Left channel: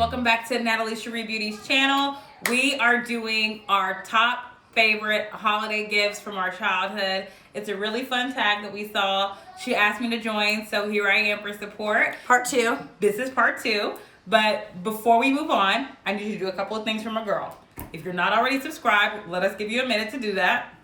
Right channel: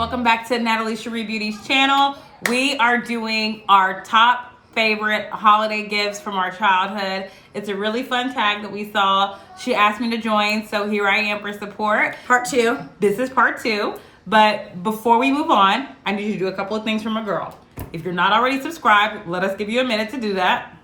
welcome back to Nataliesherreebeauty's channel. We are doing our top favorite holiday gifts from our childhood. It's a really fun tag that we saw. She asked me to join, so here I am for support. Part 2. This is part 2, but before we move on, I need you to do a couple of things for my girl. If you're not already subscribed, let us give you a minute to do that.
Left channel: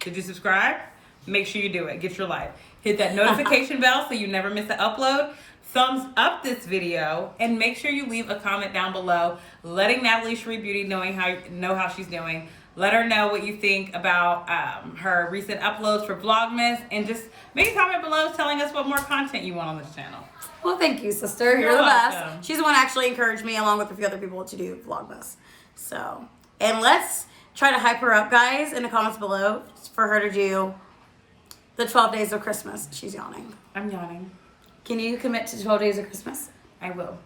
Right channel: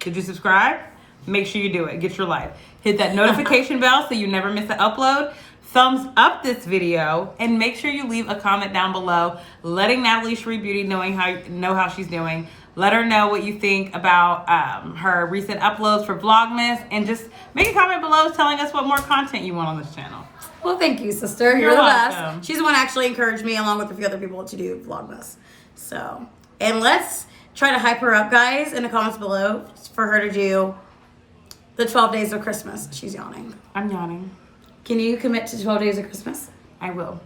Did you subscribe? Make sure you do it. Get your life. Hit that notification bell so you never miss an upload. Thumbs up this video and make sure you leave a comment down below letting Nataliesherreebeauty know how she's doing. Let her know what you think about her recent uploads for Vlogmas, and just make a comment below telling us what more content you want on this channel. Well, thank you, sister. You're the welcome. best. She's the one who actually encouraged me along with a few other people to do Vlogmas. So, and let's try to hype her up, guys, in the comments below for her to do the 12 days of Christmas. She's yawning. I'm yawning. Can you commit to 12 days of Christmas? I will.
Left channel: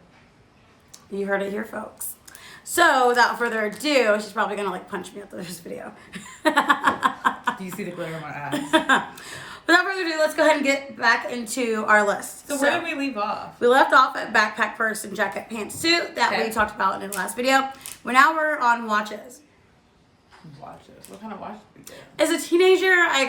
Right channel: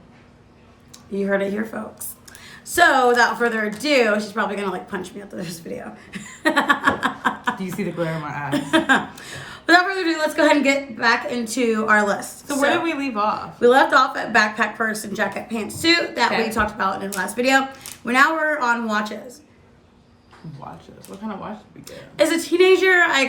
You heard it here, folks. So, without further ado, she's probably going to, like, punch me after this video. Do you see the glare in my eyes? Without further ado, let's go ahead and get back into our list. So where did we leave off? We left off at backpack, purse, and jacket, pants, suit that we talked about in the last video. Now we're on watches. Watches. What kind of watch did we get? As a teenager, I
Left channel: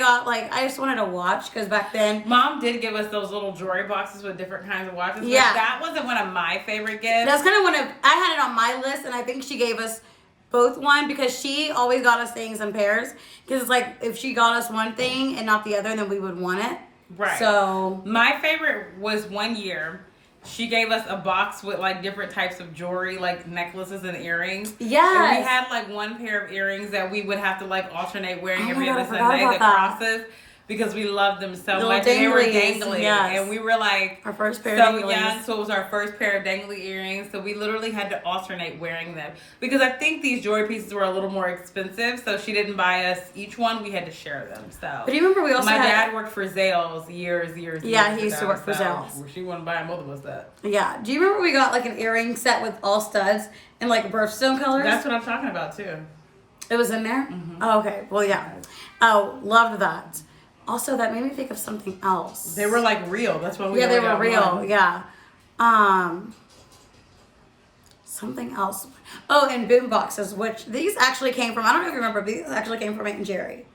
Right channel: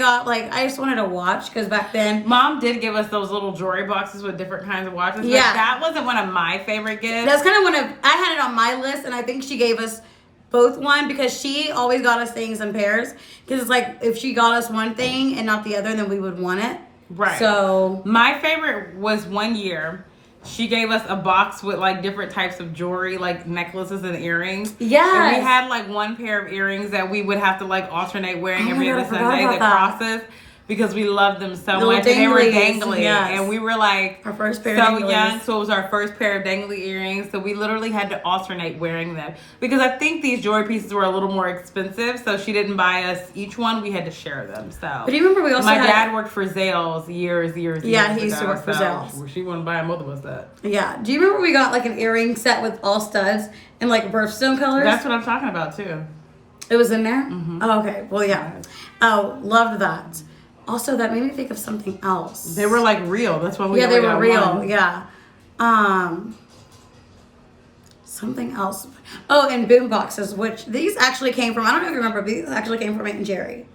just wanted a watch because back then... Mom did give us those little jewelry boxes with different kinds of watches. Yeah. But that wasn't one of my favorite gifts. That's kind of one of... I had it on my list, and I think she gave us both one because she always got us things in pairs. Because it's like, if she got us one thing and not the other, then we would want it. Right. So... My favorite was one year. She gave us a box with like different types of jewelry, like necklaces and earrings. Yes. And we had like one pair of earrings that we would have to like alternate wearing every other Sunday about that crosses because we loved them so Little much. And they were danglies, dangly. yes. And we were like Our first pair of so danglies. young, so it was our first pair of dangly earrings. So we literally had to alternate wearing them because I think these jewelry pieces were a little more expensive. So she didn't buy us each one; we had to share them. So, but do you remember we also my had... dad worked for Zales years. Yeah, he used to work for Zales. Well, she wouldn't buy both of us that. Yeah. Do you remember we got like an earring set with all studs and like birthstone colors? That's what I'm talking about too. It was in there? Mm-hmm. Oh, okay. Well, yeah. Oh, loved that. Also, that made me think of something else. They were like real. That's what we Yeah, they were real. One. Yeah. Something else. Oh, and boom boxes, which these actually came from, I don't know if you remember, but these actually came from Aunt and Jerry.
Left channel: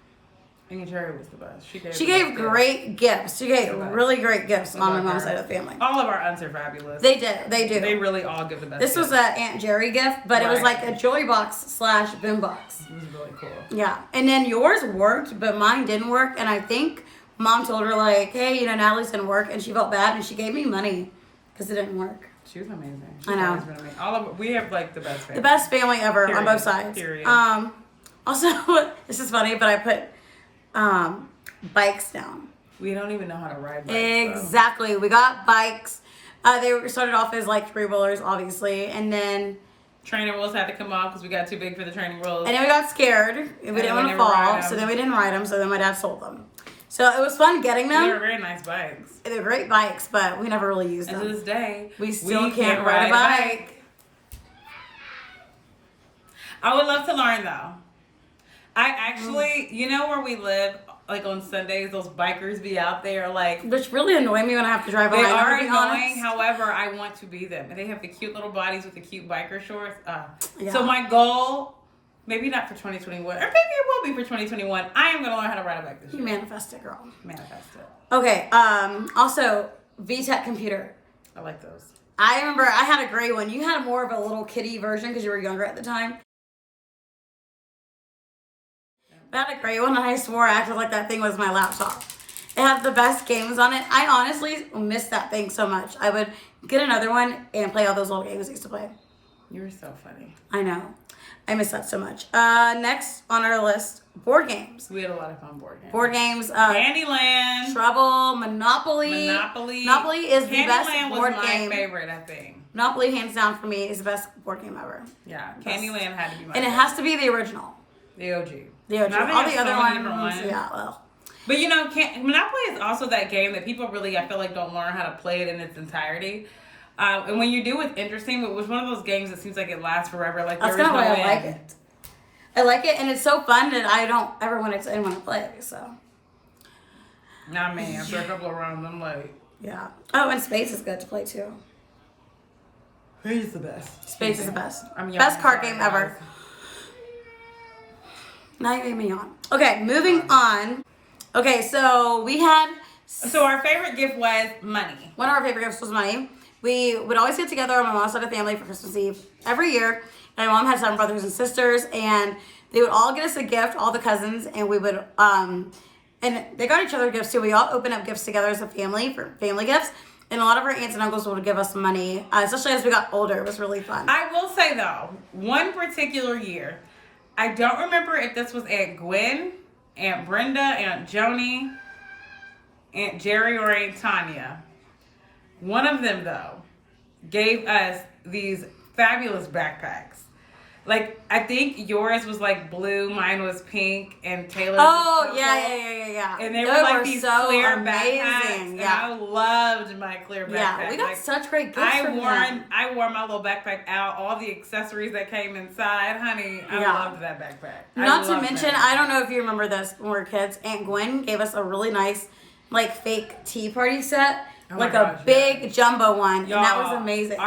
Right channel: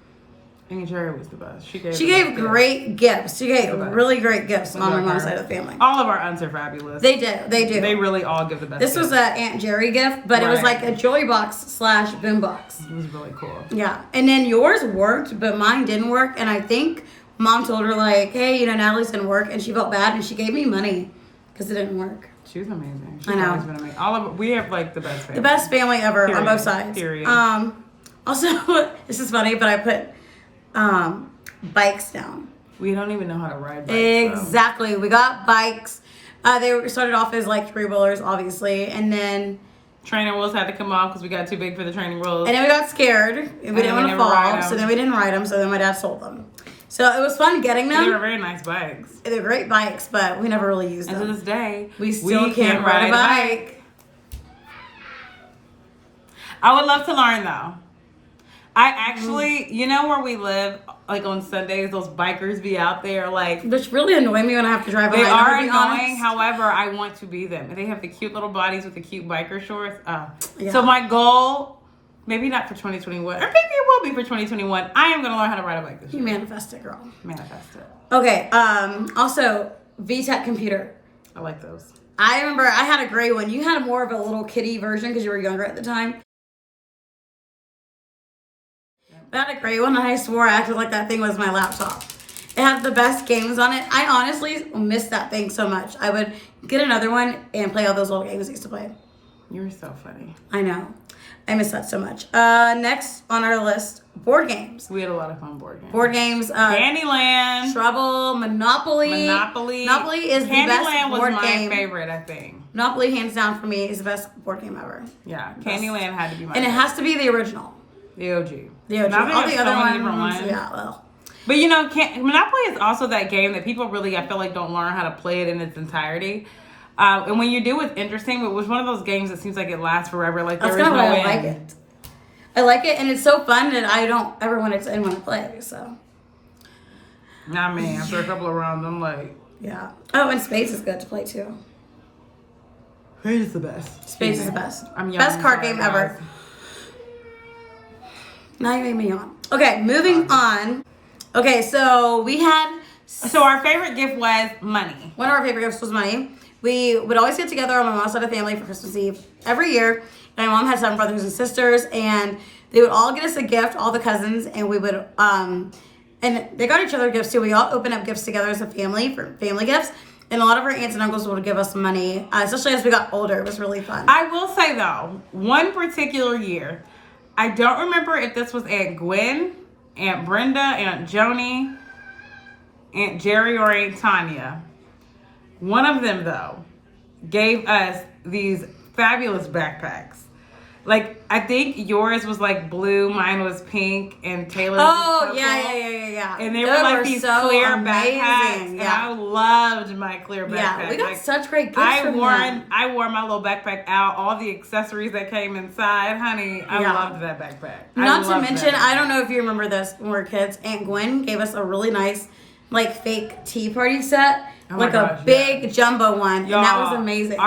Aunt Jerry was the best. She gave great gifts. She gave really great gifts on my mom's side of the family. All of our aunts are fabulous. They do. They really all give the best. This was an Aunt Jerry gift, but it was like a jewelry box / boom box. It was really cool. Yeah. And then yours worked, but mine didn't work. And I think Mom told her, like, hey, Natalie's didn't work. And she felt bad, and she gave me money because it didn't work. She was amazing. I know. We have like the best family. The best family ever. Period. On both sides. Period. Also, this is funny, but I put bikes down. We don't even know how to ride bikes. Exactly. So. We got bikes. They started off as like 3-wheelers, obviously, and then training wheels had to come off because we got too big for the training wheels. And then we got scared. And we didn't want to fall, so then we didn't ride them. So then my dad sold them. So it was fun getting them. They were very nice bikes. They're great bikes, but we never really used them. And to this day, we still can't ride a bike. I would love to learn though. I actually, you know where we live, like on Sundays, those bikers be out there like... Which really annoy me when I have to drive behind them, to be honest. However, I want to be them. And they have the cute little bodies with the cute biker shorts. Yeah. So my goal, maybe not for 2021, or maybe it will be for 2021, I am going to learn how to ride a bike this year. You manifest it, girl. Manifest it. Okay, also, VTech computer. I like those. I remember I had a gray one. You had more of a little kitty version because you were younger at the time. I had a gray one, and I swore I acted like that thing was my laptop. It had the best games on it. I honestly miss that thing so much. I would get another one and play all those little games I used to play. You're so funny. I know. I miss that so much. Next on our list, board games. We had a lot of fun board games. Board games. Candyland. Trouble. Monopoly. Monopoly is the best board game. My favorite, I think. Monopoly, hands down for me, is the best board game ever. Yeah, Candyland had to be my And it has to be the original. The OG. The OG. All the other ones, yeah, well. But you know, Monopoly is also that game that people really, I feel like, don't learn how to play it in its entirety. And when you do, it's interesting. But it was one of those games that seems like it lasts forever. Like that's kind of why I like it. I like it, and it's so fun that I don't ever want to play it. So. Nah, man. After a couple of rounds, I'm like. Yeah. Oh, and Spades is good to play too. Spades is the best. Spades is the best. I'm young, Best card sorry, game ever. guys. Now you made me yawn. Okay, moving on. Okay, so we had... So our favorite gift was money. One of our favorite gifts was money. We would always get together on my mom's side of the family for Christmas Eve every year. And my mom had 7 brothers and sisters, and they would all get us a gift, all the cousins, and we would... and they got each other gifts too. We all opened up gifts together as a family for family gifts. And a lot of our aunts and uncles would give us money, especially as we got older. It was really fun. I will say, though, one particular year, I don't remember if this was Aunt Gwen, Aunt Brenda, Aunt Joni, Aunt Jerry, or Aunt Tanya. One of them, though, gave us these fabulous backpacks. Like, I think yours was like blue, mine was pink, and Taylor's was purple. Yeah. And they were like these so clear amazing. backpacks. Yeah. And I loved my clear backpack. Yeah, we got like, such great gifts from them. I wore my little backpack out, all the accessories that came inside. Honey, I loved that backpack. Not to mention, I don't know if you remember this when we were kids, Aunt Gwen gave us a really nice, like, fake tea party set. Like a big jumbo one, and that was amazing.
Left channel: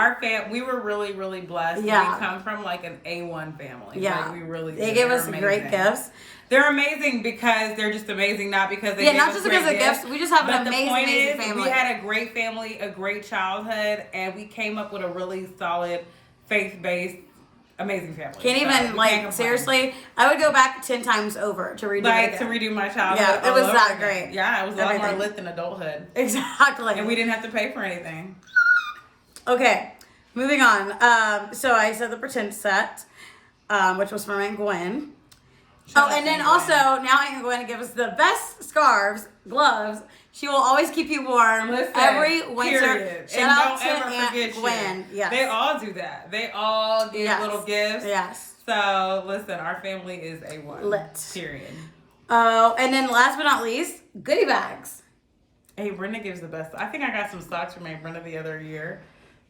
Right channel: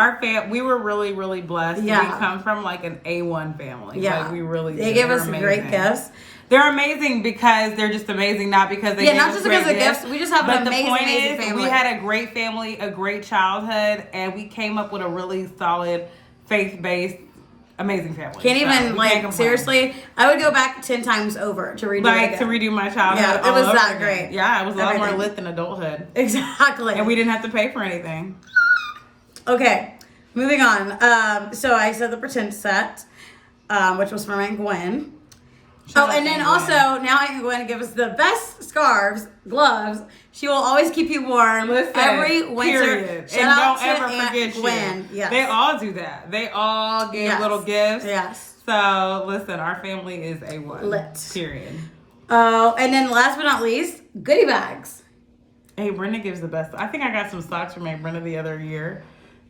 We were really, really blessed. Yeah. We come from like an A1 family. Yeah. Like, we really They gave us great gifts. They're amazing because they're just amazing, not because they not just because of gifts. We just have an amazing family. We had a great family, a great childhood, and we came up with a really solid, faith-based, amazing family. Can't even, seriously, I would go back 10 times over to redo it again. To redo my childhood. Yeah, it was that great. Yeah, it was a lot more lit than adulthood. Exactly. And we didn't have to pay for anything. Okay, moving on. So I said the pretend set, which was from Aunt Gwen. And then also, now Aunt Gwen gives us the best scarves, gloves. She will always keep you warm every winter. Period. Shout out to Aunt Gwen. Yes. They all do that. They all give little gifts. Yes. So, listen, our family is A1. Lit. Period. Oh, and then last but not least, goodie bags. Hey, Brenda gives the best. I think I got some socks from Aunt Brenda the other year,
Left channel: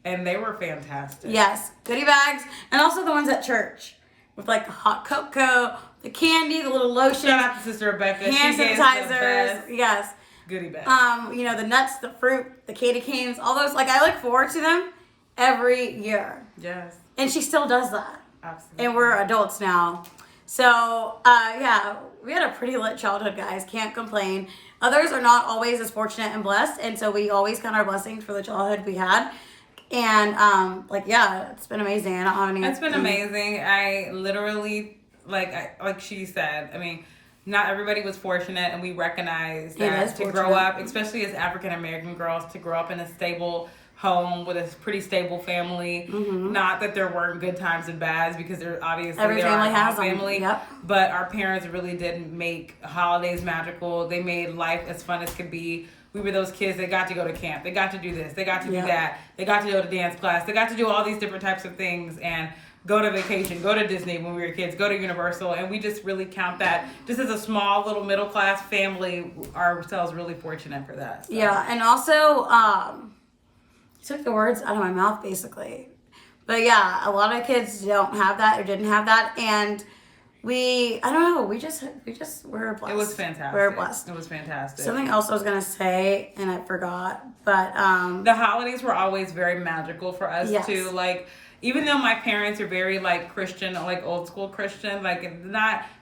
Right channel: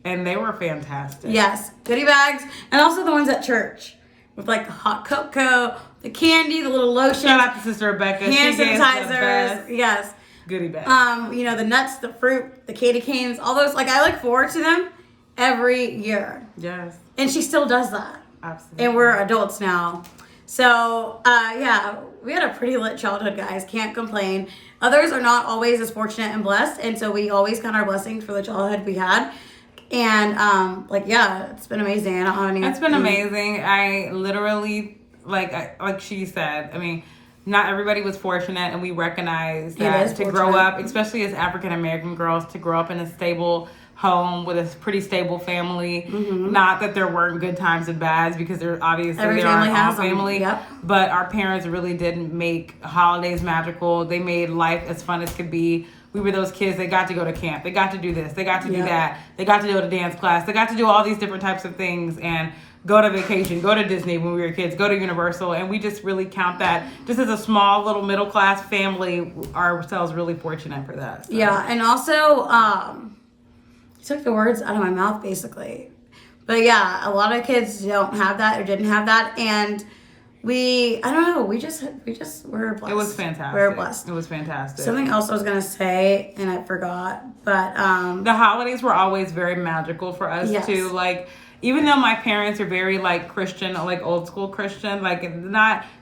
and they were fantastic. Yes, goodie bags. And also the ones at church with, like, the hot cocoa, the candy, the little lotion. Shout out to Sister Rebecca. Hand sanitizers. Yes. Goodie bags. The nuts, the fruit, the candy canes, all those. Like, I look forward to them every year. Yes. And she still does that. Absolutely. And we're adults now. So, we had a pretty lit childhood, guys. Can't complain. Others are not always as fortunate and blessed. And so we always count our blessings for the childhood we had. And, it's been amazing. I don't have any... It's been amazing. I literally, like she said, I mean... Not everybody was fortunate, and we recognize that to grow up, especially as African American girls, to grow up in a stable home with a pretty stable family. Mm-hmm. Not that there weren't good times and bads, because there obviously every family has family. Yep. But our parents really did make holidays magical. They made life as fun as could be. We were those kids that got to go to camp. They got to do this. They got to do that. They got to go to dance class. They got to do all these different types of things, and go to vacation, go to Disney when we were kids, go to Universal, and we just really count that just as a small little middle class family, ourselves really fortunate for that. So. Yeah, and also, you took the words out of my mouth basically. But yeah, a lot of kids don't have that or didn't have that, and we just were blessed. It was fantastic. We were blessed. It was fantastic. Something else I was gonna say and I forgot, but the holidays were always very magical for us too. Like, even though my parents are very like Christian, like old school Christian,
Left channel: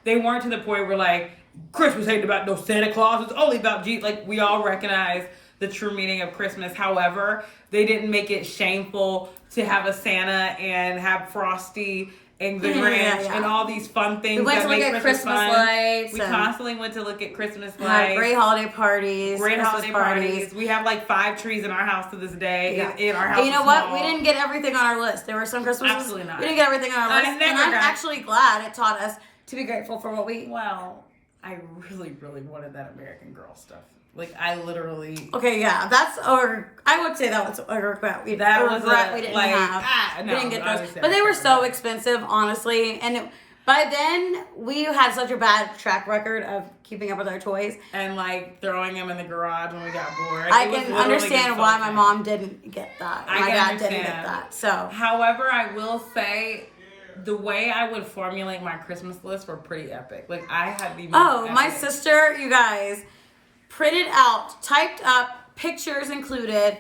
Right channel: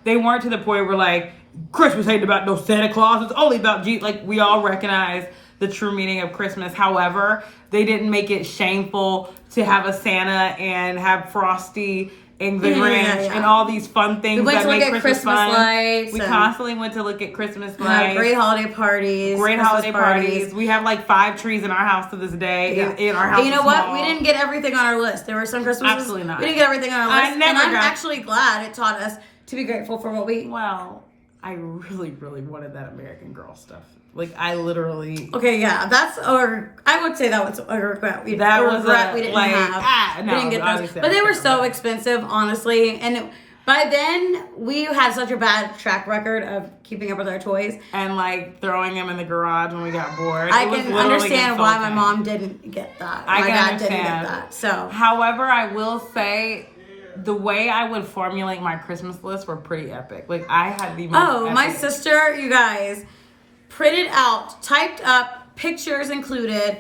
they weren't to the point where like Christmas ain't about no Santa Claus, it's only about Jesus. Like, we all recognize the true meaning of Christmas. However, they didn't make it shameful to have a Santa and have Frosty and the Grinch and all these fun things. We went to look at Christmas lights. We constantly went to look at Christmas lights. Had great holiday parties. Great holiday parties. We have like 5 trees in our house to this day. Yeah. In our house. And you know what? We didn't get everything on our list. There were some Christmases. Absolutely not. We didn't get everything on our list. And I'm actually glad it taught us to be grateful for what we... Well, I really, really wanted that American Girl stuff. Like, I literally... Okay, yeah, I would say that was a regret. We didn't have. We didn't get those. But they were so expensive, honestly. And by then, we had such a bad track record of keeping up with our toys. And, like, throwing them in the garage when we got bored. I can understand why my mom didn't get that. My dad didn't get that. So, however, I will say... The way I would formulate my Christmas list were pretty epic. Like, I had the most my sister, you guys, printed out, typed up, pictures included.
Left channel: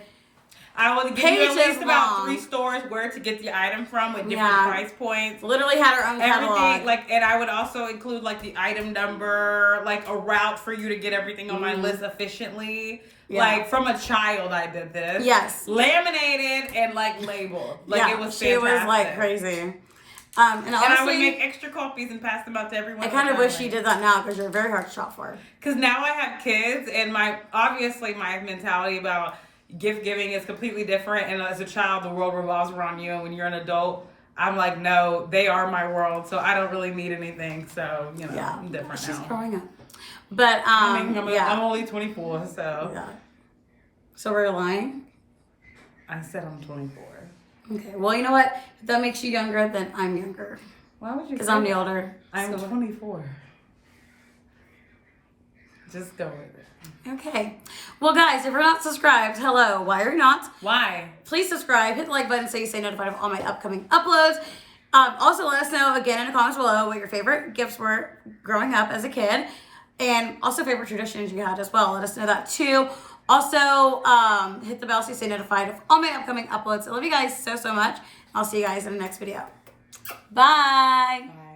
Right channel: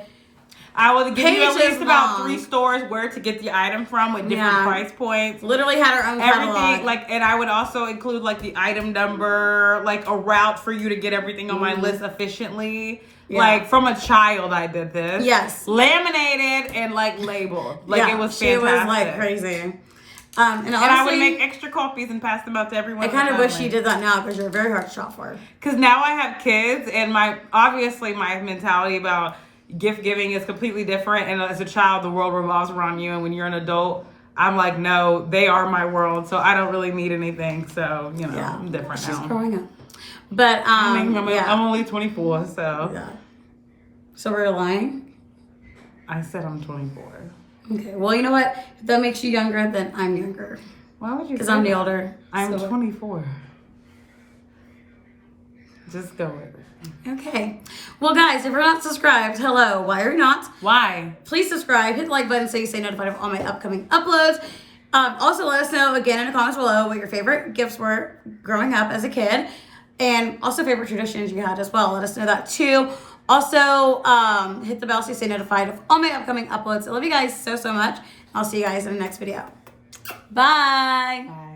I will give you at Pages least about long. 3 stores where to get the item from with different price points. Literally had our own catalog. And I would also include like the item number, like a route for you to get everything on my list efficiently. Yeah. Like from a child, I did this. Yes. Laminated and like labeled. Like it was fantastic. She was like crazy. And honestly, I would make extra copies and pass them out to everyone. I kind of wish you did that now because you're very hard to shop for. Because now I have kids, and obviously my mentality about gift giving is completely different. And as a child, the world revolves around you, and when you're an adult, I'm like, no, they are my world, so I don't really need anything. So I'm different She's now. growing up. But I'm only 24, so yeah. So we're lying. I said I'm 24. Okay. Well, you know what? If that makes you younger, then I'm younger. Why would you? Because I'm the older. I'm 24. Just go with it. Okay. Well, guys, if you're not subscribed, hello. Why are you not? Why? Please subscribe. Hit the like button so you stay notified of all my upcoming uploads. Also, let us know again in the comments below what your favorite gifts were growing up as a kid, and also favorite traditions you had as well. Let us know that too. Also, hit the bell so you stay notified of all my upcoming uploads. I love you guys so much. I'll see you guys in the next video. Bye. Bye.